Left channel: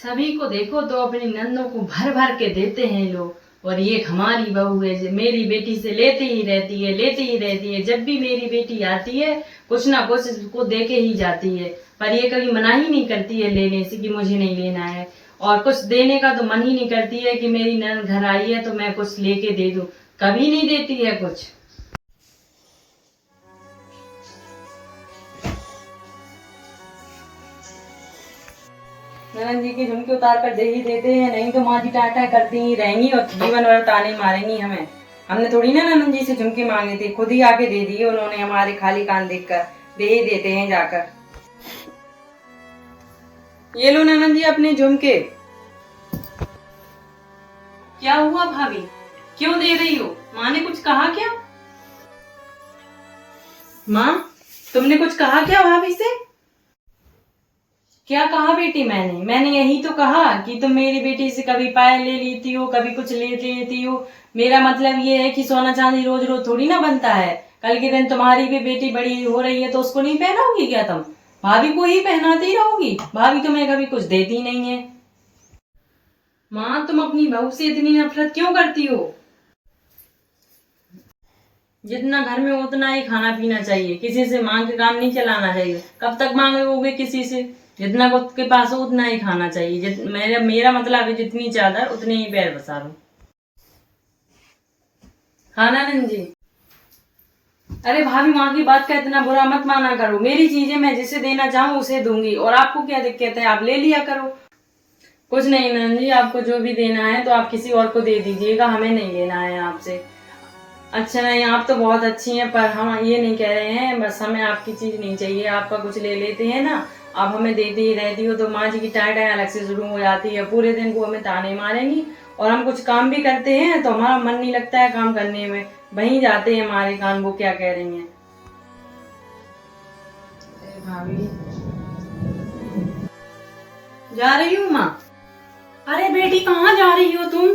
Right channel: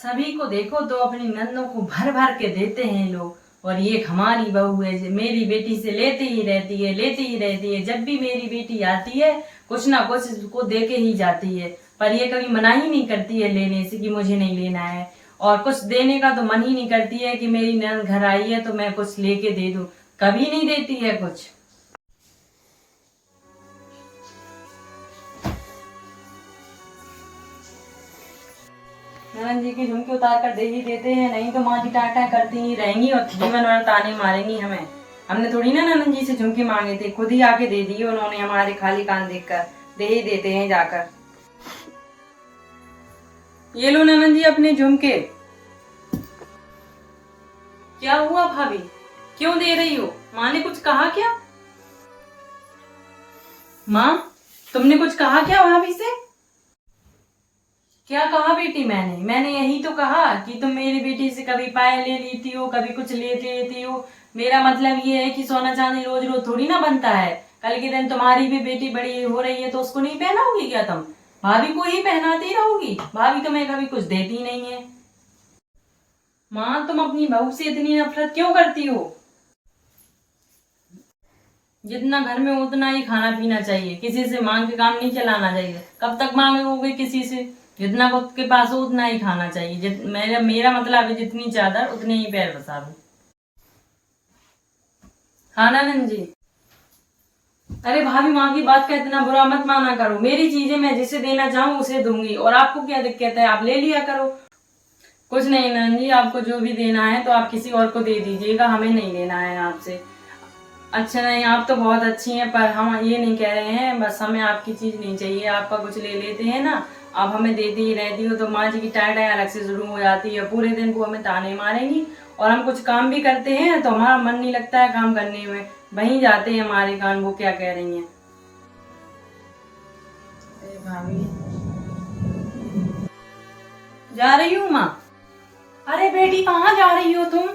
सभी को देखो तो अपनी नंदों को भर भर के देते हैं लोग, और ये हमारी बहू है जो मेरी बेटी से लेती ही रहती है, लेती ही रहती है। जब भी मेरी बेटी आती है कुछ ना कुछ उसको दे के ही जाती है, पर ये कभी मना ही नहीं करती है लेने से कि मुझे नहीं लेना है। और कुछ देने का तो मन ही नहीं करती है कि मेरी नंद घर आई है तो मैं कुछ लेके दे दूं, कभी नहीं देती है कुछ। ननद जी की झुमकी उतार कर दे ही देते हैं, नहीं तो माँ जी टाटा करती ही रहेंगी और जीवन भर ताने मारेंगी हमें। हमने थोड़ी ना ननद जी से झुमकी मांगे थे, खुद ही आके दे दिए उन्होंने, हमारे खाली कान देखकर दे ही देते हैं जाकर। ये लो ननद जी अपने झुमके। क्या हुआ भाभी, क्यों दे रही हो? माँ ने कुछ कहा क्या? माँ तुमने कुछ कहा क्या भाभी से? क्या कहा बेटी? मैंने यही तो कहा कि तुम मेरी बेटी से कभी पायल ले लेती हो, कभी कुछ ले लेती हो। मेरा मतलब ये है कि सोना चांदी रोज रोज थोड़ी ना बनता है। कल के दिन तुम्हारी भी बेटी बड़ी हो रही है तो उसको नहीं पहनाओगी क्या तुम? भाभी को ही पहनाती रहोगी? भाभी तुम्हें कभी कुछ देती नहीं है। माँ तुम अपनी बहू से इतनी नफरत क्यों करती हो? जितना घर में हो उतना ही खाना पीना चाहिए, किसी से मांग के काम नहीं चलाना चाहिए। कब तक मांगोगे किसी से? जितना खुद के पास हो उतना ही खाना चाहिए। मेरा मतलब है जितनी चादर उतने ही पैर पसारो। खाना नंद जी। अरे भाभी माँ की बात का इतना बुरा मत माना करो, मेरी चीजें मैं जिसे देना चाहूँ उसे दूंगी, और आपको क्या दिक्कत है, आप ले लिया करो। कुछ नहीं नंद जी, आपको जो भी देना है तो आप किसी और को दे दीजिएगा, हमें नहीं लेना है आपसे। अच्छा नहीं, आप तो बहुत अच्छी हैं, पर हम ये नहीं कह रहे हैं, बस हमें आपकी चीज नहीं चाहिए। आपका कुछ ले लेते हैं ना, आप हमें देती ही रहती हो तो माँ जी की टाई टाई अलग से शुरू हो जाती है। पूरे दिन वो हमें ताने मारेंगी, और हम कुछ काम भी करते हैं तो हमारा मन नहीं लगता है काम करने में, वहीं जाते हैं हमारे कान वो क्या कह रही हैं। भाभी जा रही हूँ माँ। अरे बेटी कहाँ जा रही हो तुम?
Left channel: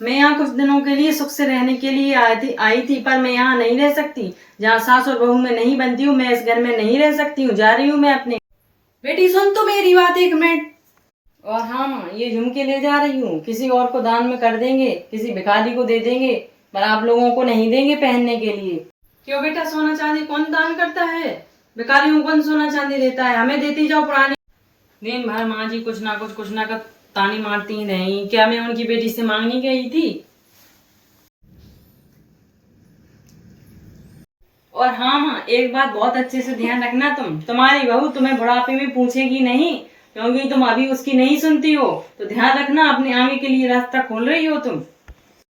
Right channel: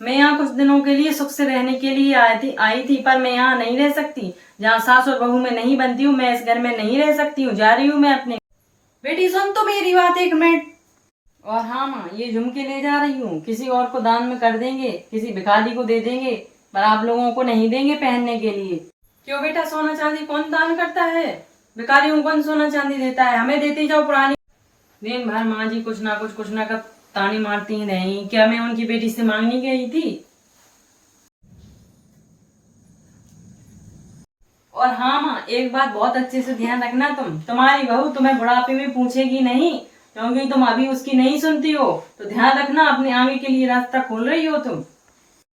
मैं यहाँ कुछ दिनों के लिए सुख से रहने के लिए आई थी, पर मैं यहाँ नहीं रह सकती। जहाँ सास और बहू में नहीं बनती हूँ, मैं इस घर में नहीं रह सकती हूँ, जा रही हूँ मैं अपने। बेटी सुन तो मेरी बात एक मिनट। और हाँ माँ, ये झुमके ले जा रही हूँ, किसी और को दान में कर देंगे, किसी भिखारी को दे देंगे, पर आप लोगों को नहीं देंगे पहनने के लिए। क्यों बेटा, सोना चांदी कौन दान करता है? भिखारियों को कौन सोना चांदी देता है? हमें देती जाओ पुराने। दिन भर माँ जी कुछ ना का ताने मारती ही नहीं। क्या मैं उनकी बेटी से मांगनी गई थी? और हाँ माँ, एक बात बहुत अच्छे से ध्यान रखना, तुम्हारी बहू तुम्हें बुढ़ापे में पूछेगी नहीं, क्योंकि तुम अभी उसकी नहीं सुनती हो। तो ध्यान रखना, अपने आगे के लिए रास्ता खोल रही हो तुम।